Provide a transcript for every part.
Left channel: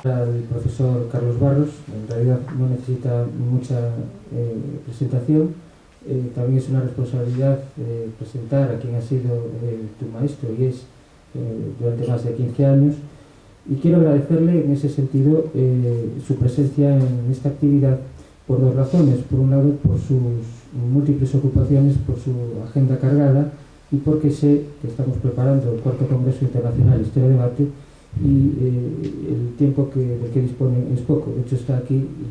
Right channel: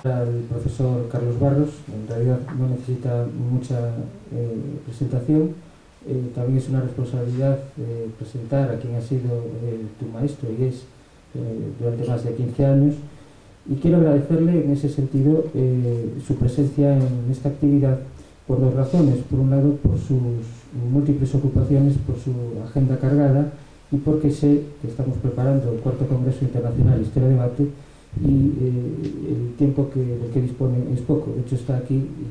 Al profesor Carlos Barros, en realidad no necesita mucha presentación. También es una responsabilidad presentar a quien ha sido tu maestro y es durante más de 15 años, y quiero agradecerle en ese sentido su presencia en esta actividad por dos razones. Por un lado, por sus múltiples ocupaciones, por su agenda cargada, y porque sé que estamos preparando el cuarto Congreso Internacional Historia Debate y el tiempo del que dispone es poco. De hecho, está aquí y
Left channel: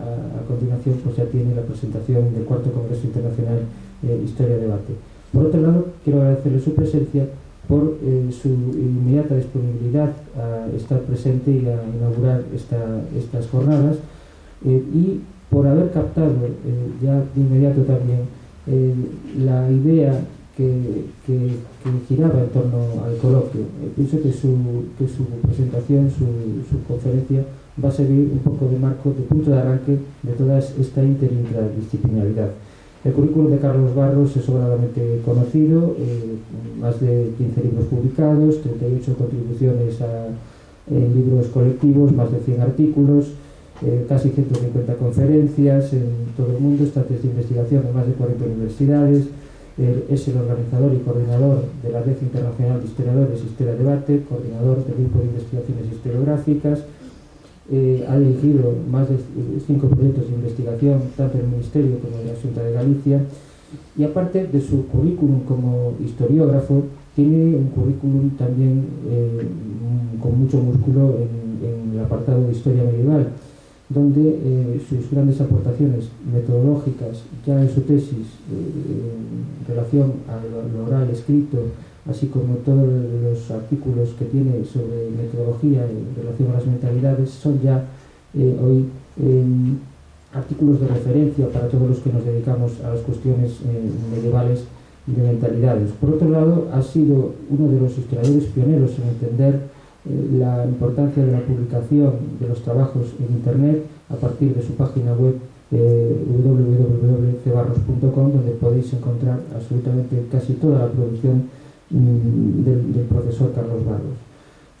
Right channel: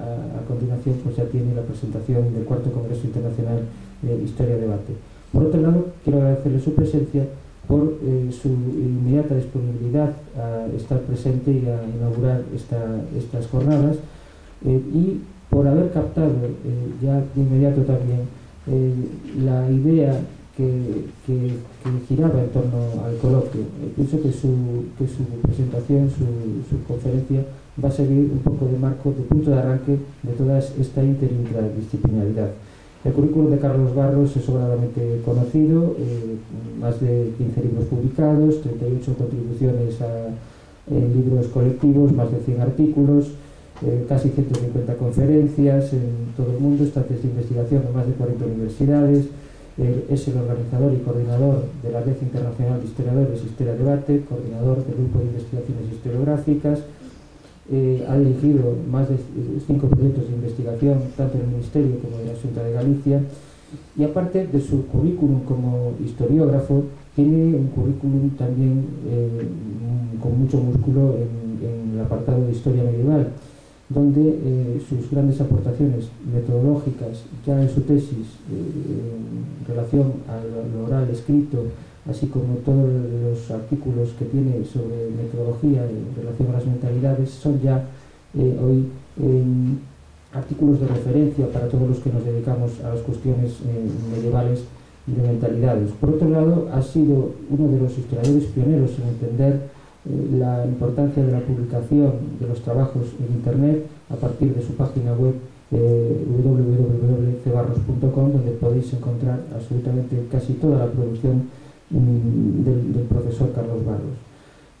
a continuación pues ya tiene la presentación del cuarto Congreso Internacional Historia Debate. Por otro lado, quiero agradecerle su presencia por su inmediata disponibilidad a estar presente y a inaugurar estas jornadas, y por haber captado ya de inmediato también la idea que giraba en torno al coloquio. Pienso que su presentación, su conferencia, va a servir un poco de marco, de punto de arranque de toda esta interdisciplinaridad. El currículum de Carlos Barros es sobradamente conocido, más de 15 libros publicados, 38 contribuciones en libros colectivos, más de 100 artículos, casi 150 conferencias en todo el mundo, estancias de investigación en más de 40 universidades. Es el organizador y coordinador de la Red Internacional de Historiadores Historia Debate, coordinador del Grupo de Investigaciones Historiográficas. Ha dirigido más de 5 proyectos de investigación, tanto en el Ministerio como en la Xunta de Galicia, y aparte de su currículum como historiógrafo, tiene un currículum también con mucho músculo en el apartado de Historia Medieval, donde sus grandes aportaciones metodológicas, ya en su tesis en relación a lo oral escrito, así como todos los artículos que tiene sobre metodología en relación a las mentalidades, son ya hoy artículos de referencia para todos los que nos dedicamos a las cuestiones medievales y de mentalidades. Por otro lado, ha sido uno de los historiadores pioneros en entender la importancia de la publicación de los trabajos en Internet a partir de su página web www.cebarros.com, donde podéis encontrar absolutamente casi toda la producción del profesor Carlos Barros.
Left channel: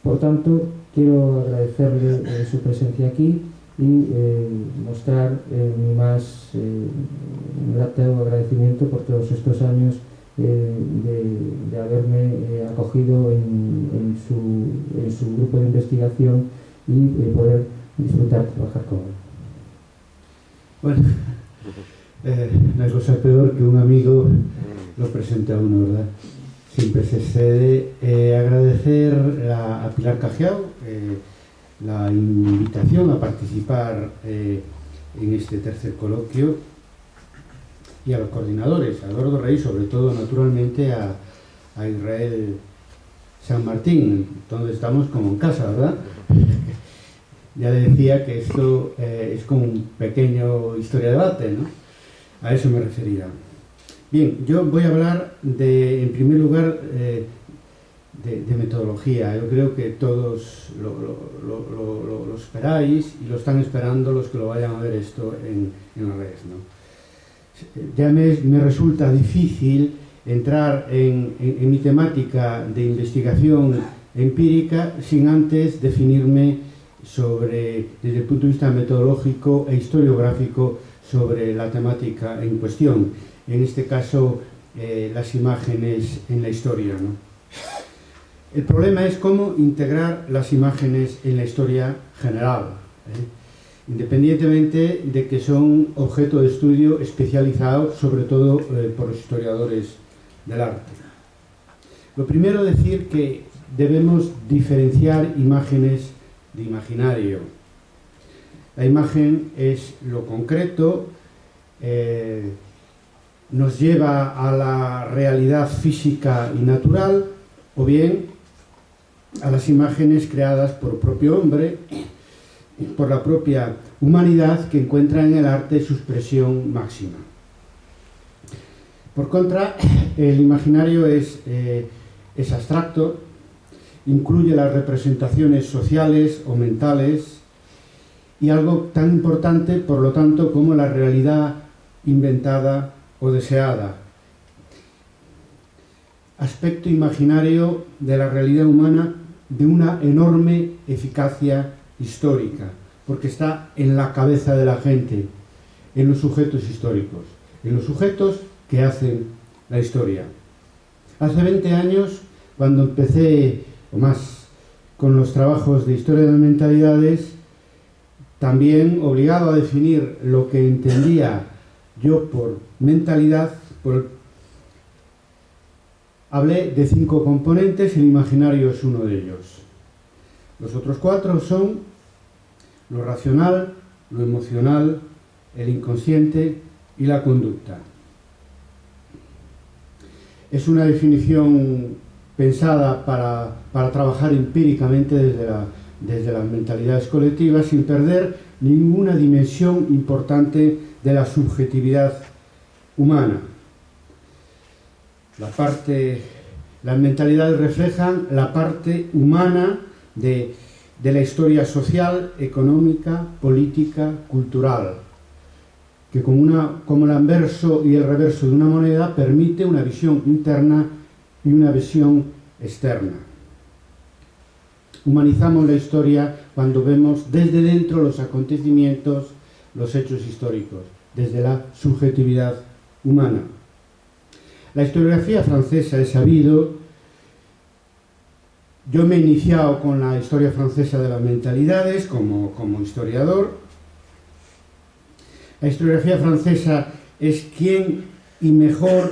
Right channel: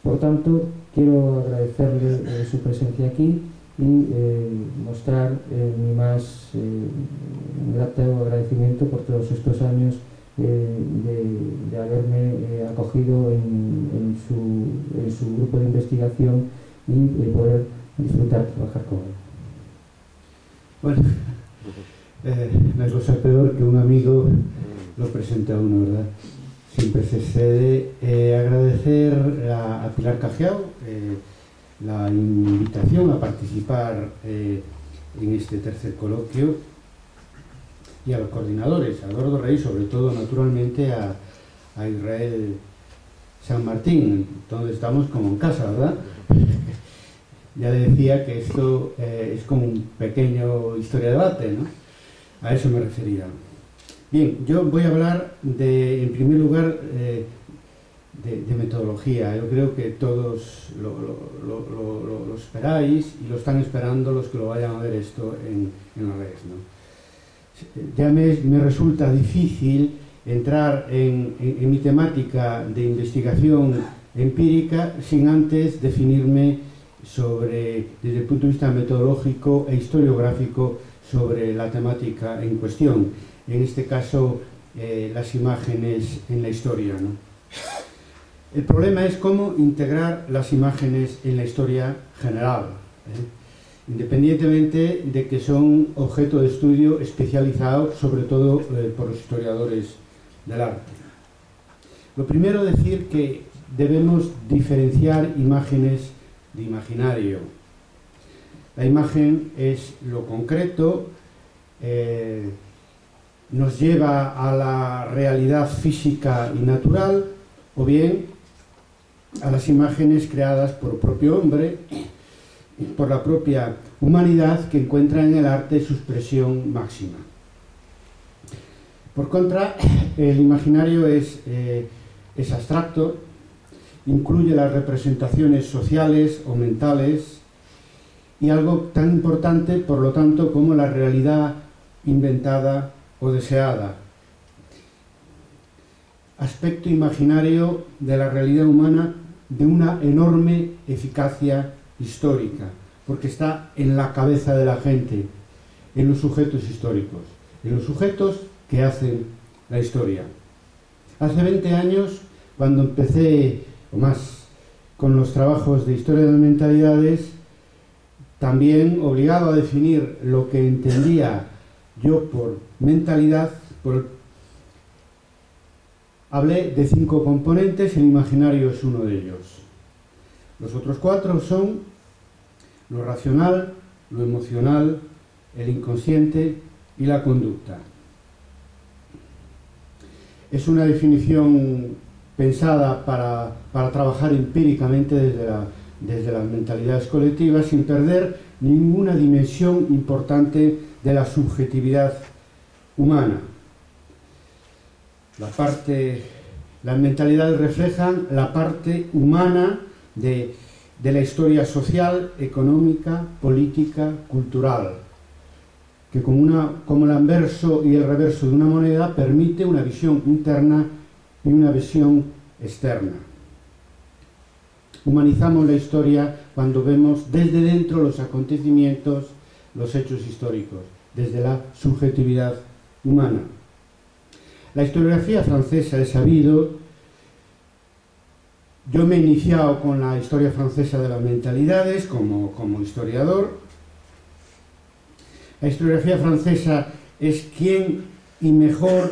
Por tanto, quiero agradecerle su presencia aquí y mostrar mi más grato agradecimiento por todos estos años de haberme acogido en su grupo de investigación y poder disfrutar de trabajar con él. Bueno, no hay cosa peor que un amigo lo presente a uno, ¿verdad? Siempre se excede. Agradecer a Pilar Cajiao la invitación a participar en este tercer coloquio, y a los coordinadores, a Eduardo Rey, sobre todo, naturalmente, a Israel San Martín, donde estamos como en casa, ¿verdad? Ya le decía que esto es como un pequeño historia debate, ¿no? A eso me refería. Bien, yo voy a hablar en primer lugar, de metodología. Yo creo que todos lo esperáis y lo están esperando los que lo vayan a ver esto en las redes, ¿no? Ya me resulta difícil entrar en mi temática de investigación empírica sin antes definirme desde el punto de vista metodológico e historiográfico sobre la temática en cuestión. En este caso, las imágenes en la historia, ¿no? El problema es cómo integrar las imágenes en la historia general, independientemente de que son objeto de estudio especializado, sobre todo por los historiadores del arte. Lo primero, decir que debemos diferenciar imágenes de imaginario. La imagen es lo concreto, nos lleva a la realidad física y natural, o bien a las imágenes creadas por el propio hombre, por la propia humanidad, que encuentra en el arte su expresión máxima. Por contra, el imaginario es abstracto, incluye las representaciones sociales o mentales, y algo tan importante, por lo tanto, como la realidad inventada o deseada. Aspecto imaginario de la realidad humana de una enorme eficacia histórica, porque está en la cabeza de la gente, en los sujetos históricos, en los sujetos que hacen la historia. Hace 20 años, cuando empecé, o más, con los trabajos de historia de las mentalidades, también obligado a definir lo que entendía yo por mentalidad, hablé de 5 componentes, el imaginario es uno de ellos. Los otros 4 son lo racional, lo emocional, el inconsciente y la conducta. Es una definición pensada para trabajar empíricamente desde las mentalidades colectivas sin perder ninguna dimensión importante de la subjetividad humana. Las mentalidades reflejan la parte humana de la historia social, económica, política, cultural, que como el anverso y el reverso de una moneda permite una visión interna y una visión externa. Humanizamos la historia cuando vemos desde dentro los acontecimientos, los hechos históricos, desde la subjetividad humana. La historiografía francesa, he sabido, yo me he iniciado con la historia francesa de las mentalidades como historiador. La historiografía francesa es quien y mejor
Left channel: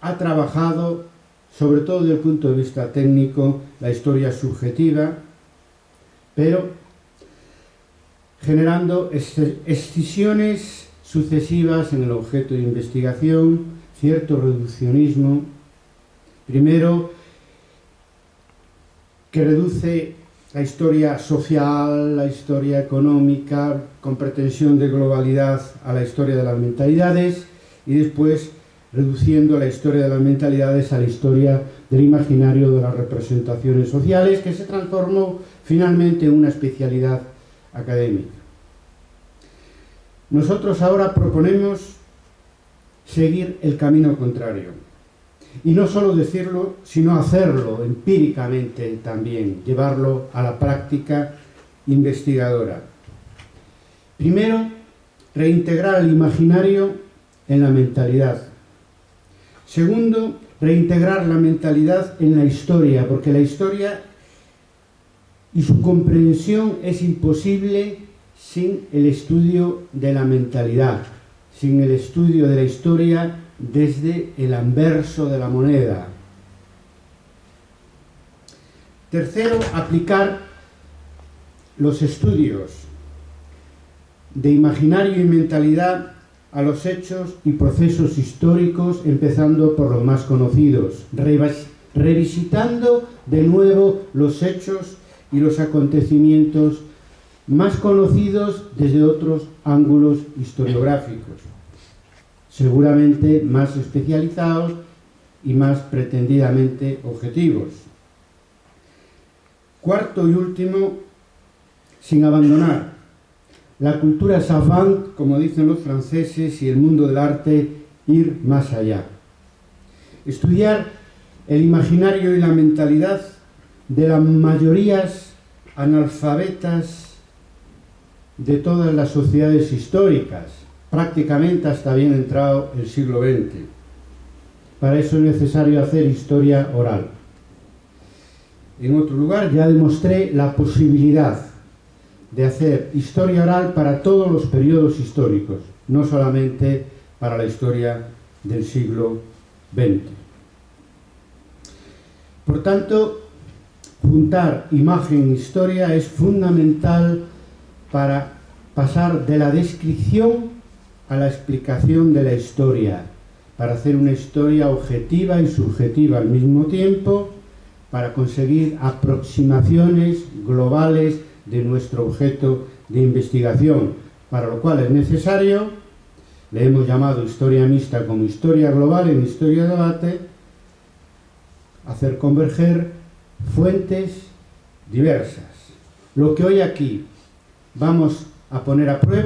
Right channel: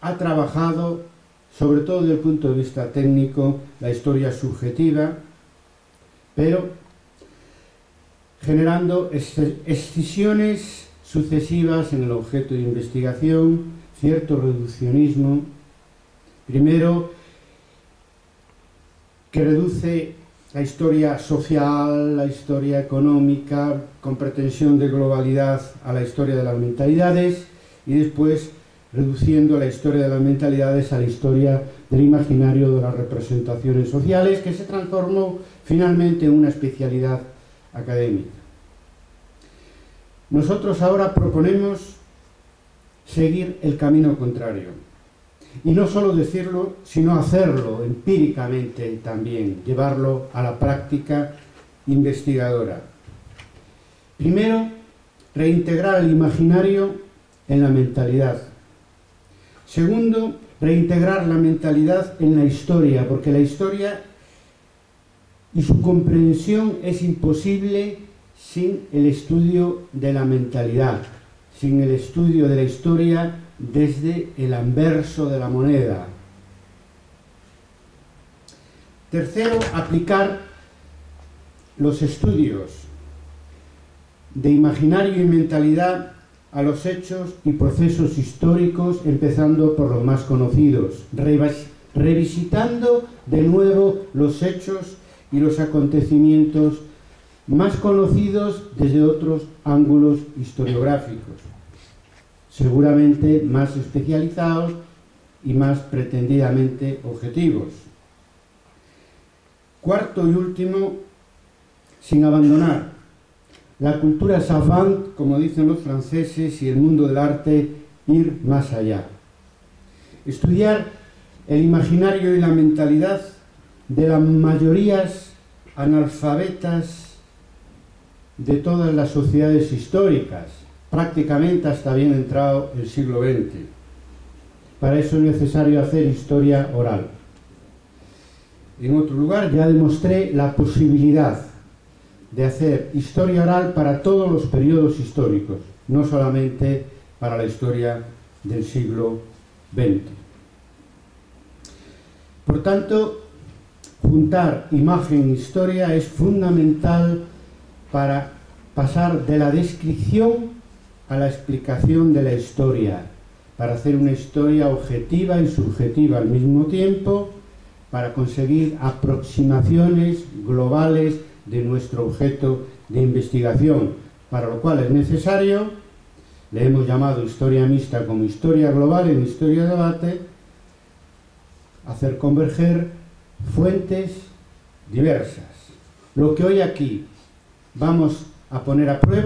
ha trabajado, sobre todo desde el punto de vista técnico, la historia subjetiva, pero generando escisiones sucesivas en el objeto de investigación, cierto reduccionismo, primero que reduce la historia social, la historia económica, con pretensión de globalidad a la historia de las mentalidades, y después reduciendo la historia de las mentalidades a la historia del imaginario de las representaciones sociales, que se transformó finalmente en una especialidad académica. Nosotros ahora proponemos seguir el camino contrario, y no solo decirlo, sino hacerlo empíricamente también, llevarlo a la práctica investigadora. Primero, reintegrar el imaginario en la mentalidad. Segundo, reintegrar la mentalidad en la historia, porque la historia y su comprensión es imposible sin el estudio de la mentalidad, sin el estudio de la historia desde el anverso de la moneda. Tercero, aplicar los estudios de imaginario y mentalidad a los hechos y procesos históricos, empezando por los más conocidos, revisitando de nuevo los hechos y los acontecimientos más conocidos desde otros ángulos historiográficos, seguramente más especializados y más pretendidamente objetivos. Cuarto y último, sin abandonar la cultura savant, como dicen los franceses, y el mundo del arte, ir más allá. Estudiar el imaginario y la mentalidad de las mayorías analfabetas de todas las sociedades históricas, prácticamente hasta bien entrado el siglo XX. Para eso es necesario hacer historia oral. En otro lugar ya demostré la posibilidad de hacer historia oral para todos los periodos históricos, no solamente para la historia del siglo XX. Por tanto, juntar imagen e historia es fundamental para pasar de la descripción a la explicación de la historia, para hacer una historia objetiva y subjetiva al mismo tiempo, para conseguir aproximaciones globales de nuestro objeto de investigación, para lo cual es necesario, le hemos llamado historia mixta como historia global en historia de debate, hacer converger fuentes diversas. Lo que hoy aquí vamos a poner a prueba